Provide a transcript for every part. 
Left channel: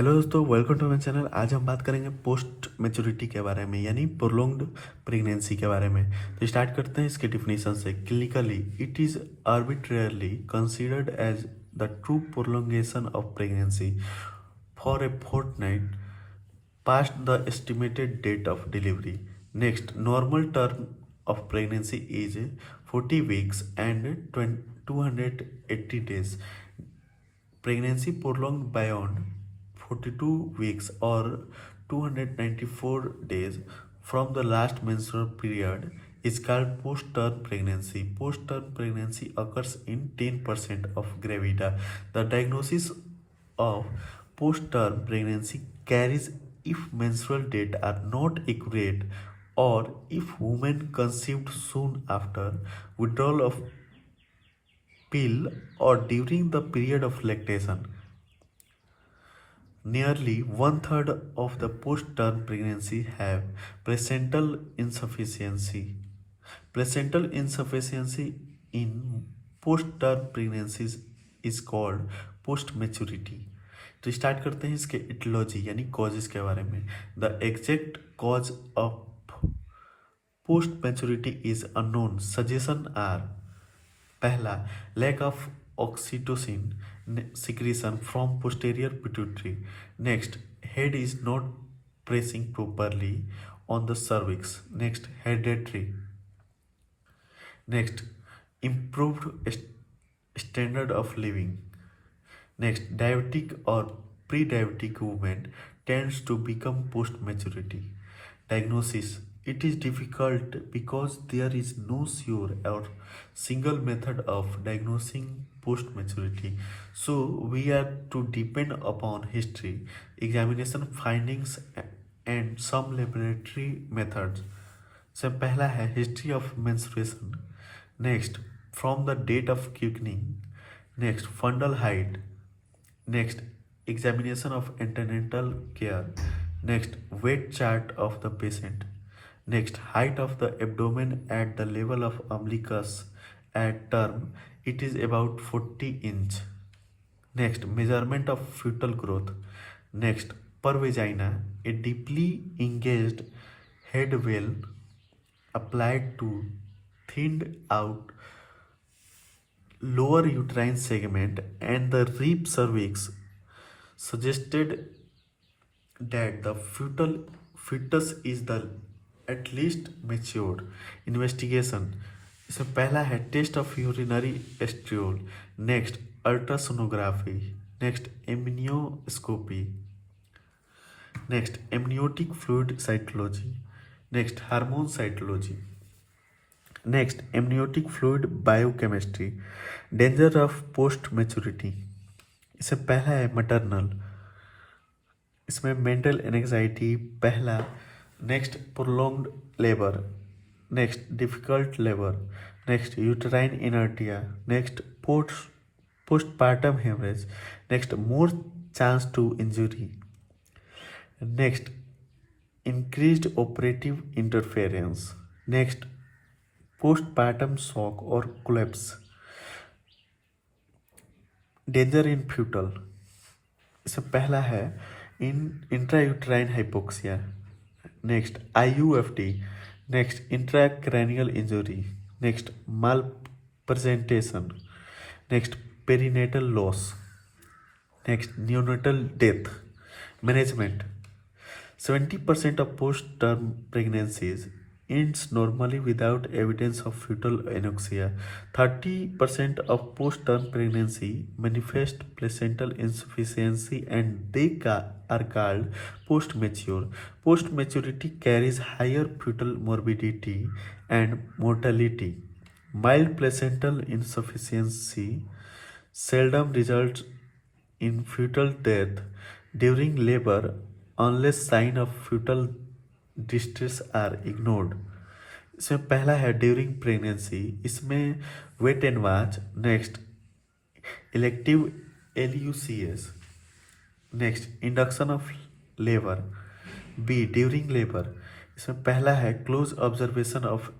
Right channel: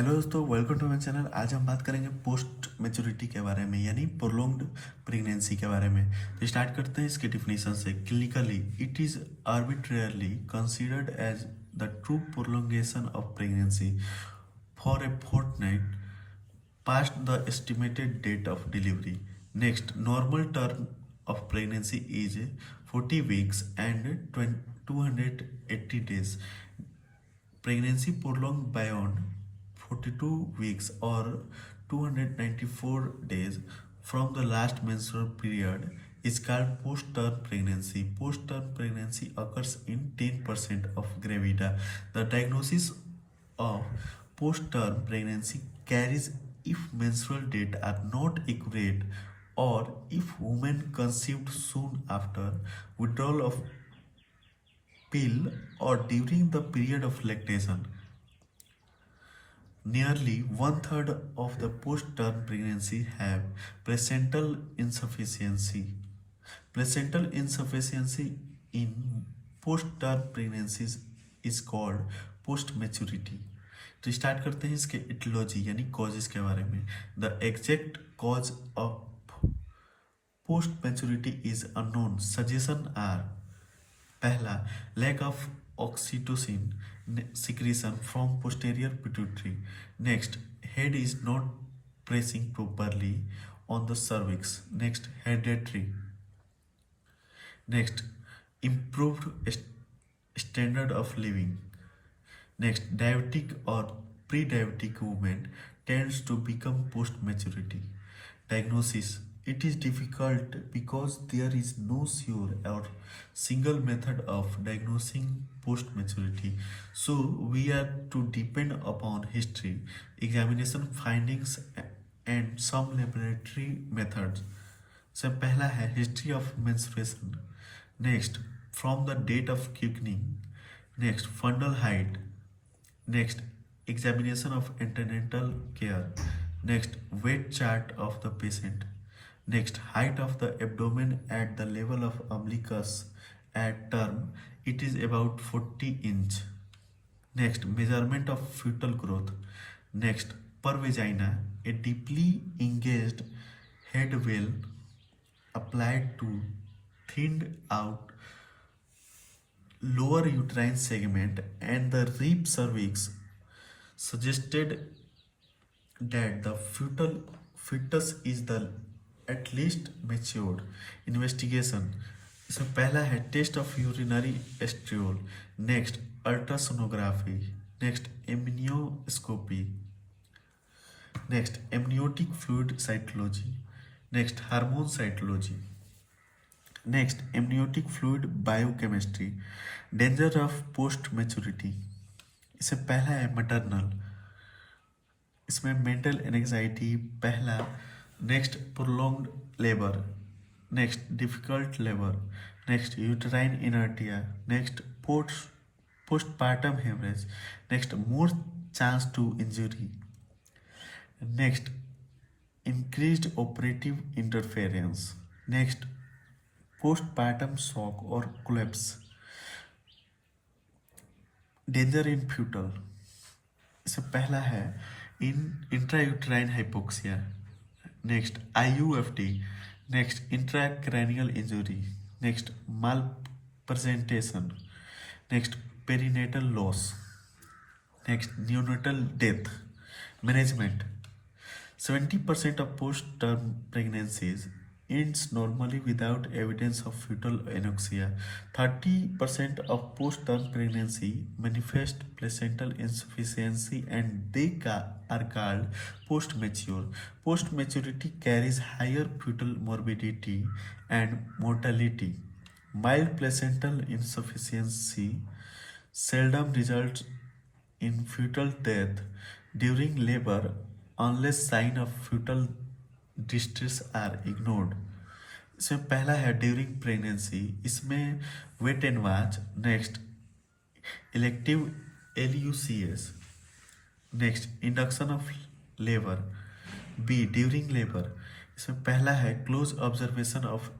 Hello दोस्तों, welcome to my channel. आज हम बात करेंगे पोस्ट मैच्योरिटी के बारे में, यानी प्रोलॉन्ग्ड प्रेगनेंसी के बारे में। तो स्टार्ट करते हैं इसके डिफिनेशन से। Clinically it is arbitrarily considered as the true prolongation of pregnancy for a fortnight past the estimated date of delivery. Next, normal term of pregnancy is 40 weeks and 280 days. Pregnancy prolonged beyond 42 weeks or 294 days from the last menstrual period is called post-term pregnancy. Post-term pregnancy occurs in 10% of gravida. The diagnosis of post-term pregnancy carries if menstrual dates are not accurate or if women conceived soon after withdrawal of pill or during the period of lactation. Nearly one third of the post-term pregnancy have placental insufficiency. Placental insufficiency in post-term pregnancies is called post-maturity. तो start करते हैं इसके etiology यानी causes के बारे में। The exact cause of post maturity is unknown. Suggestion are: पहला, lack of oxytocin secretion from posterior pituitary. Next, head is not pressing properly on the cervix. Next, hereditary. Next, improved standard of living. Next, diabetic or pre-diabetic women tends to become post-maturity. Diagnosis: it is difficult because there is no sure or single method of diagnosing post-maturity. So we have to depend upon history, examination findings and some laboratory methods. So पहला है history of menstruation. Next, from the date of quickening. Next, fundal height. Next, examination of antenatal care. Next, weight chart of the patient. Next, height of the abdomen at the level of umbilicus. At term, it is about 40 inch. Next, measurement of fetal growth. Next, per vagina, a deeply engaged head veil applied to thinned out lower uterine segment and the rib cervix suggested that the fetus is the at least matured. Investigation: इसमें पहला है test of urinary estriol. Next, ultrasonography. Next, amnioscopy. Next, amniotic fluid cytology. Next, hormone cytology. Next, amniotic fluid biochemistry. Danger of post maturity. इसमें पहला है maternal. इसमें mental anxiety पहला. Next, prolonged labour. Next, difficult labour. Next, uterine inertia. Next, postpartum hemorrhage. Next, more chance to injury. Next, increased operative interference. Next, postpartum shock or collapse. Danger in fetal. इससे पहला है intrauterine hypoxia. Next, IUFT. Next, intracranial injury. Next, malpresentation. Next, perinatal loss. Next, neonatal death. Management: 70% of post-term pregnancies ends normally without evidence of fetal anoxia. 30% of post-term pregnancy manifest placental insufficiency and they are called post-mature. Post-maturity carries higher fetal morbidity and mortality. Mild placental insufficiency seldom results in fetal death during labor unless sign of fetal distress are ignored. इसमें पहला है during pregnancy. इसमें wait and watch. Next, elective LUCS. Next, induction of labour. B, during labour. इसमें पहला है close observation of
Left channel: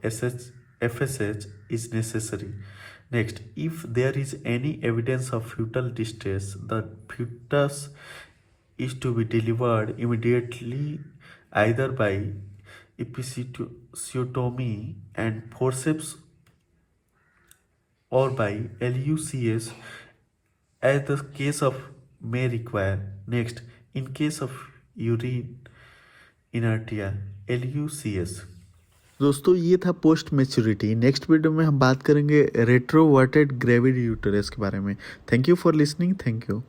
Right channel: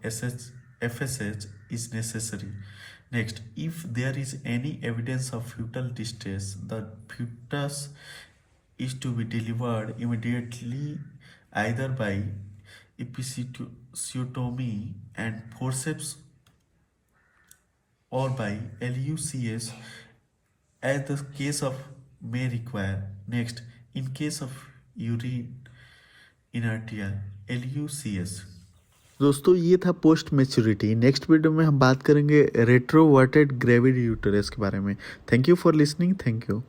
FSH is necessary. Next, if there is any evidence of fetal distress, the fetus is to be delivered immediately either by episiotomy and forceps or by LUCS as the case of may require. Next, in case of urine inertia, LUCS. दोस्तों ये था post maturity. Next video में हम बात करेंगे रेट्रोवर्टेड gravid uterus के बारे में। Thank you for listening. Thank you.